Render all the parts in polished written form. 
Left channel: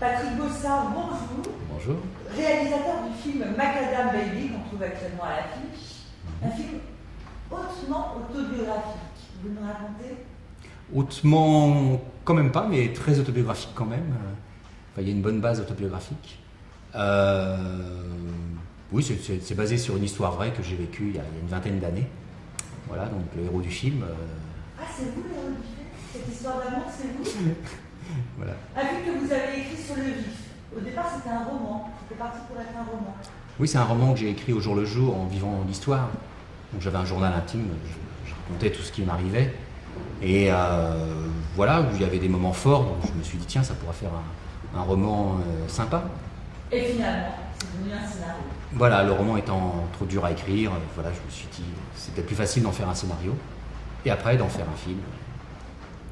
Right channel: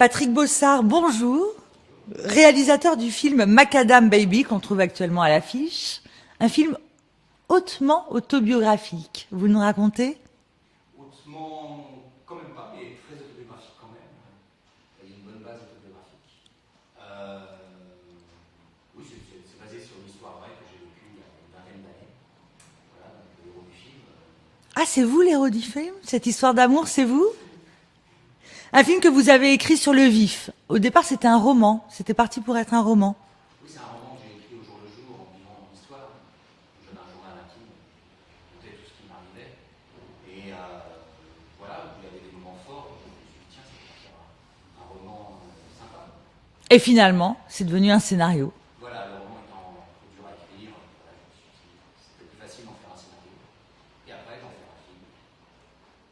Patrick Bossard, bonjour. Bonjour. Réalisateur du film Macadam Baby qu'on trouve actuellement à l'affiche. Un film hautement autobiographique. Vous nous racontez? Hautement, quand même pas, mais très autobiographique quand même. Enfin, il y a une bonne base autobiographique. Oui, c'est basé sur une histoire vraie que j'ai vécue il y a une vingtaine d'années. Voilà, donc le héros du film. Ah, c'est vous l'héros du film? Cette histoire d'amour, c'est vous? Voilà. Un film que vous avez écrit sur le vif. Au départ, c'était un roman. C'était parti pour être un roman. Oui, c'est un roman que j'ai écrit au jour le jour en vivant l'histoire. Donc j'avais un journal intime, je racontais tout ce qui m'arrivait. Et voilà, il y avait des moments forts, donc je me suis dit, tiens, ça pourrait faire un roman sympa. Et finalement, c'est devenu un scénario. Voilà, le roman étant trop dur à écrire, voilà, je me suis dit, c'était plus facile d'en faire un scénario. Et après, d'en faire un film.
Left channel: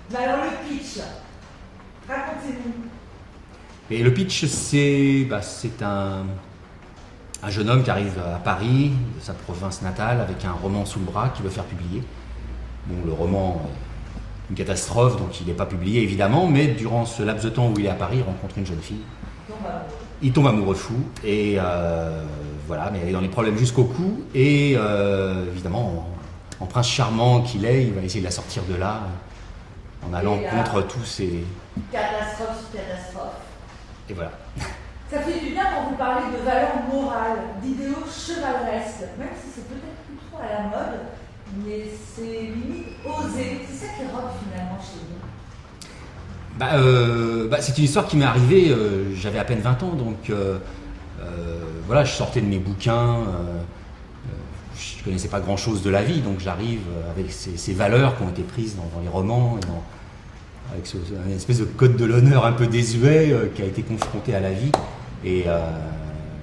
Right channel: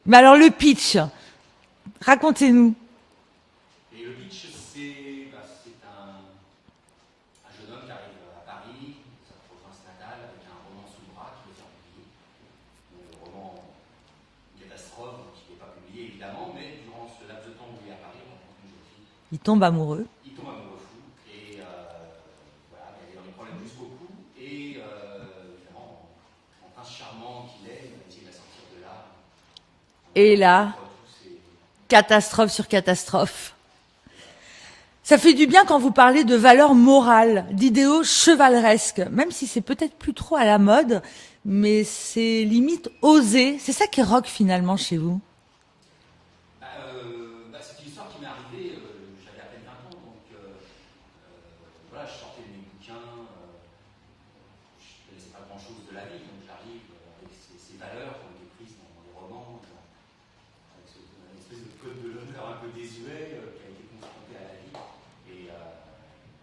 Mais alors, le pitch, racontez-nous. Et le pitch, c'est un jeune homme qui arrive à Paris, de sa province natale, avec un roman sous le bras qu'il veut faire publier. Bon, le roman est une catastrophe, donc il n'est pas publié évidemment, mais durant ce laps de temps où il est à Paris, il rencontre une jeune fille. Il tombe amoureux. Il tombe amoureux fou, et voilà, mais il est dans les problèmes jusqu'au cou, et évidemment, en prince charmant qu'il est, il va essayer de la sortir de là, en Et allant là, contre tous ces... catastrophe sur catastrophe. Et voilà. Ça fait du bien quand vous parlez de valeurs morales, d'idéaux chevaleresques, même si c'est peut-être plus trop à la mode, mais c'est limite osé. C'est ça qui est rock finalement chez vous. C'est une histoire qui m'est arrivée, j'avais à peine 20 ans, donc voilà, je sortais de mes bouquins, je ne connaissais pas grand-chose de la vie, donc j'arrive avec ces valeurs qui ont été prises dans les romans, et avec une espèce de code de l'honneur un peu désuet qui a été confronté à la vie, et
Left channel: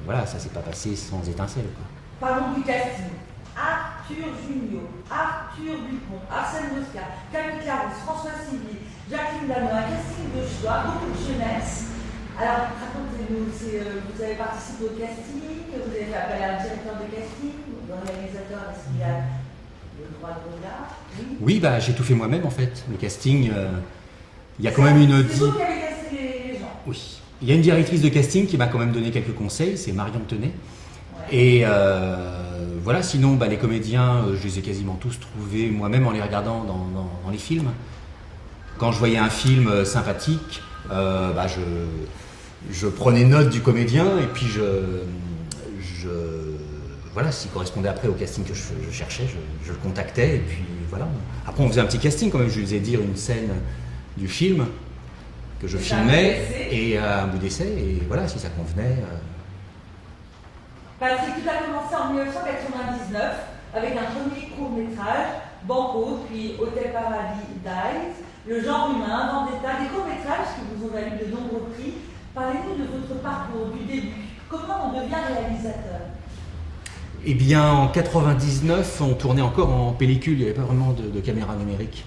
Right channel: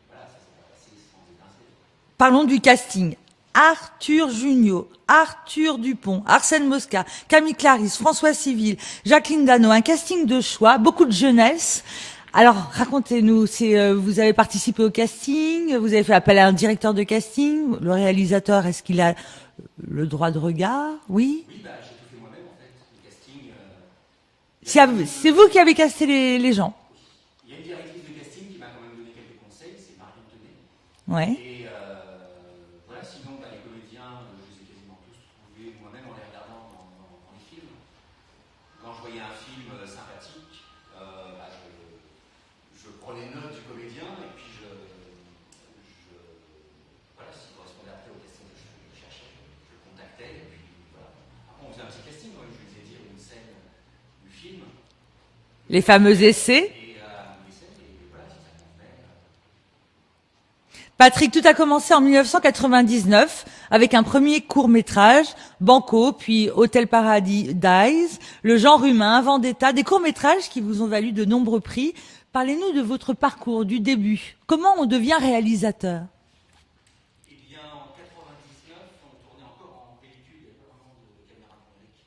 voilà, ça s'est pas passé sans étincelle, quoi. Parlons du casting. Arthur Junio, Arthur Dupont, Arsène Mosca, Camille Clarisse, François Civil, Jacqueline Dano, un casting de choix, beaucoup de jeunesse. Alors racontez-nous, vous avez participé au casting, vous avez fait appel à un directeur de casting, le réalisateur, est-ce qu'il a le droit de regard? Oui. Oui, j'ai tout fait moi-même en fait, le casting. Il y a quand même C'est vous qui avez casté les gens? Oui. Il y a une directrice de casting qui m'a quand même donné quelques conseils, c'est Marion Tenet. Ouais. Et voilà, sinon les comédiens, je les ai quasiment tous trouvés moi-même en les regardant dans les films. Quand je voyais un film sympathique, je prenais note du comédien et puis voilà, s'il correspondait après au casting que je cherchais, je le contactais et puis voilà. Après on faisait un petit casting quand même, je lui faisais dire une scène du film que je les fameux filmais, essais. Et un bout d'essai, et voilà, si ça convenait. Patrick, tout a commencé en 1999 avec un premier court-métrage, Banco, puis Hôtel Paradise, Le genre humain, Vendetta, des courts-métrages qui vous ont valu de nombreux prix. Parlez-nous de votre parcours, du début. Comment on devient réalisateur? Eh bien, en 99, on tournait encore en pellicule, il n'y avait pas vraiment de caméra numérique.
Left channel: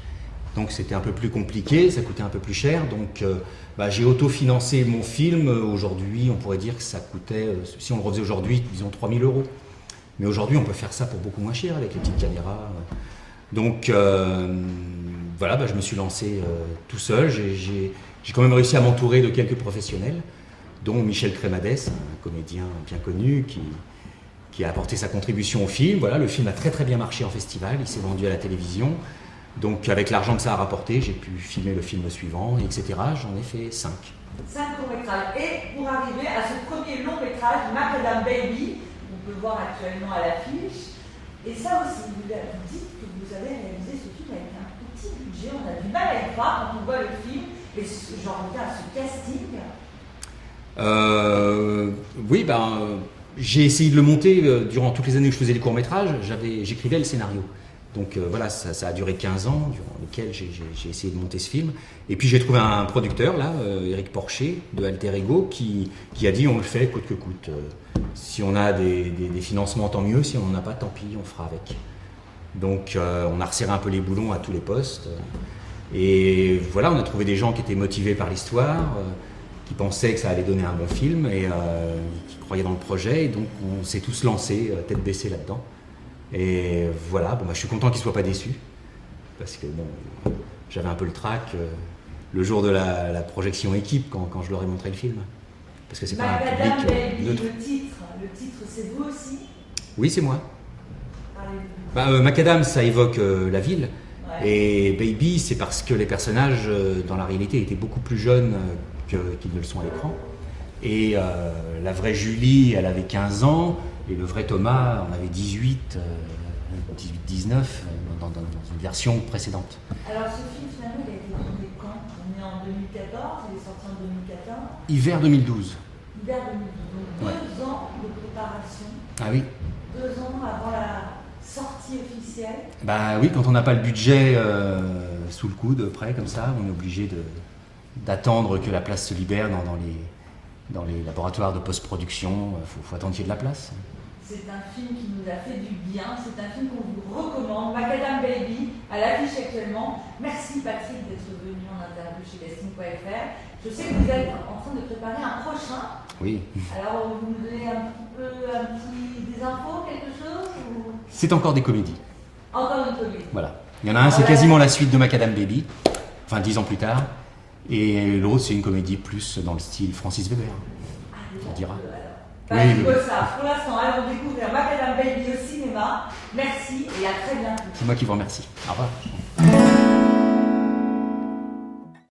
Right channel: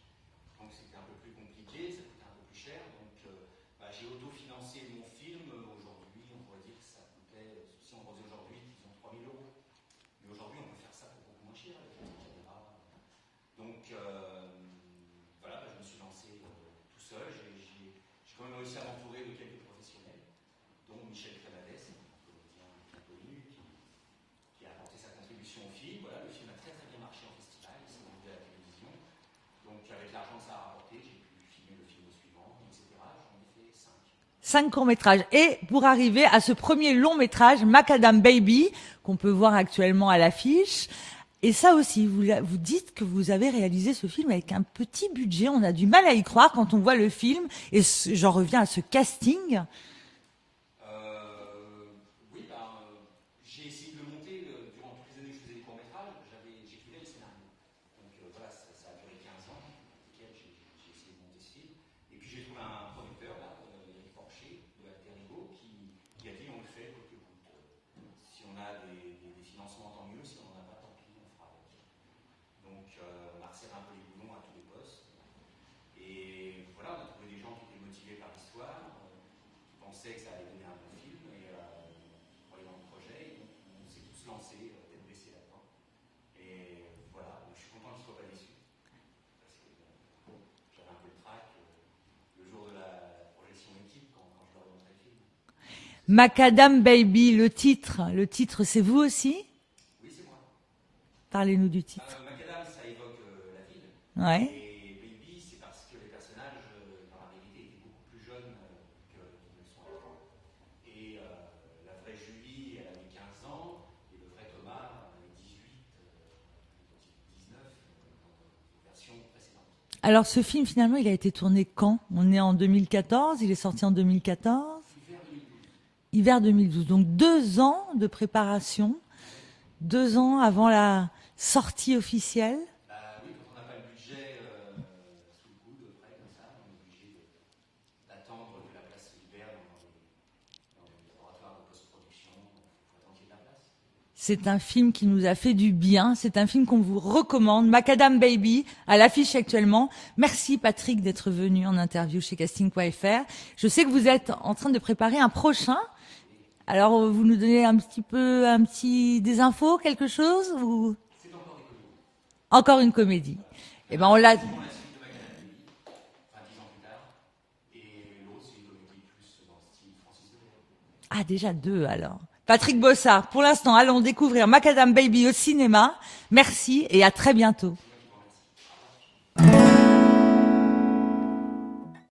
Donc c'était un peu plus compliqué, ça coûtait un peu plus cher. Donc j'ai autofinancé mon film. Aujourd'hui, on pourrait dire que ça coûtait, si on le refaisait aujourd'hui, disons 3 000 €. Mais aujourd'hui, on peut faire ça pour beaucoup moins cher avec les petites caméras. Donc voilà, je me suis lancé tout seul. J'ai quand même réussi à m'entourer de quelques professionnels, dont Michel Crémadès, un comédien bien connu qui a apporté sa contribution au film. Voilà, le film a très très bien marché en festival, il s'est vendu à la télévision. Donc avec l'argent que ça a rapporté, j'ai pu filmer le film suivant, etc. J'en ai fait 5. 5 courts-métrages. Et pour arriver à ce premier long-métrage, Macadam Baby, qu'on peut voir actuellement à l'affiche. Et ça aussi, vous dites que vous avez réalisé ce film avec un petit budget. On a du mal à y croire quand on voit le film. Et j'en reviens à ce casting. Oui, j'ai essayé de le monter durant toutes les années où je faisais des courts-métrages. J'écrivais le scénario. Donc voilà, ça a duré 15 ans, durant lesquels j'ai essayé de monter ce film. Et puis j'ai trouvé un producteur, là, Éric Porcher, de Alter Ego, qui a dit on le fait coûte que coûte. Si on a des financements, tant mieux. Si on n'en a pas, tant pis, on fera avec. Donc on a resserré un peu les boulons à tous les postes. Et voilà, on a trouvé des gens qui étaient motivés par l'histoire, qui pensaient que ça allait donner un bon film et qui croyaient dans le projet. Et donc on s'est tous lancés, tête baissée là-dedans. Et voilà, je suis content qu'ils ne soient pas déçus, parce que j'avais un peu le trac le jour de la projection équipe quand je leur ai montré le film. Parce que c'est Macadam pas un public, Baby, neutre. le titre c'est vous aussi? Oui, c'est moi. Parlez-nous du titre. Macadam, ça évoque la ville. Ouais. Et Baby, c'est parce que les personnages, dans la réalité, étaient beaucoup plus jeunes qu'ils ne le sont à l'écran. Et la vraie Julie, elle avait 15 ans, et le vrai Thomas en avait 18, 19, dans une version précédente. Alors ce film finalement il a été tourné quand? On est en 2014, il est sorti en 2014? Hiver 2012. Hiver 2012, donc 2 ans de préparation, Ah oui. 2 ans avant la sortie officielle. Bah oui, quand on n'a pas le budget sous le coude, prêt comme ça, on est obligé d'attendre que la place se libère dans les laboratoires de post-production. Faut attendre qu'il y ait de la place. C'est un film qui nous a fait du bien, c'est un film qu'on vous recommande, Macadam Baby, à l'affiche actuellement. Merci Patrick d'être venu en interview chez casting.fr. Je sais que vous êtes en train de préparer un prochain. Oui. Alors vous nous donnez des infos, quelque chose ou... C'est encore des comédies. Encore une comédie. Voilà. Il y en a un, c'est quasiment la suite de Macadam Baby, enfin 10 ans plus tard. Et l'autre, c'est une comédie plus dans le style Francis Weber. Ah, déjà on dira. 2 alors. Patrick Oui. Bossard, pour l'instant, allons découvrir Macadam Baby au cinéma. Merci et à très bientôt. C'est moi qui vous remercie. Au revoir.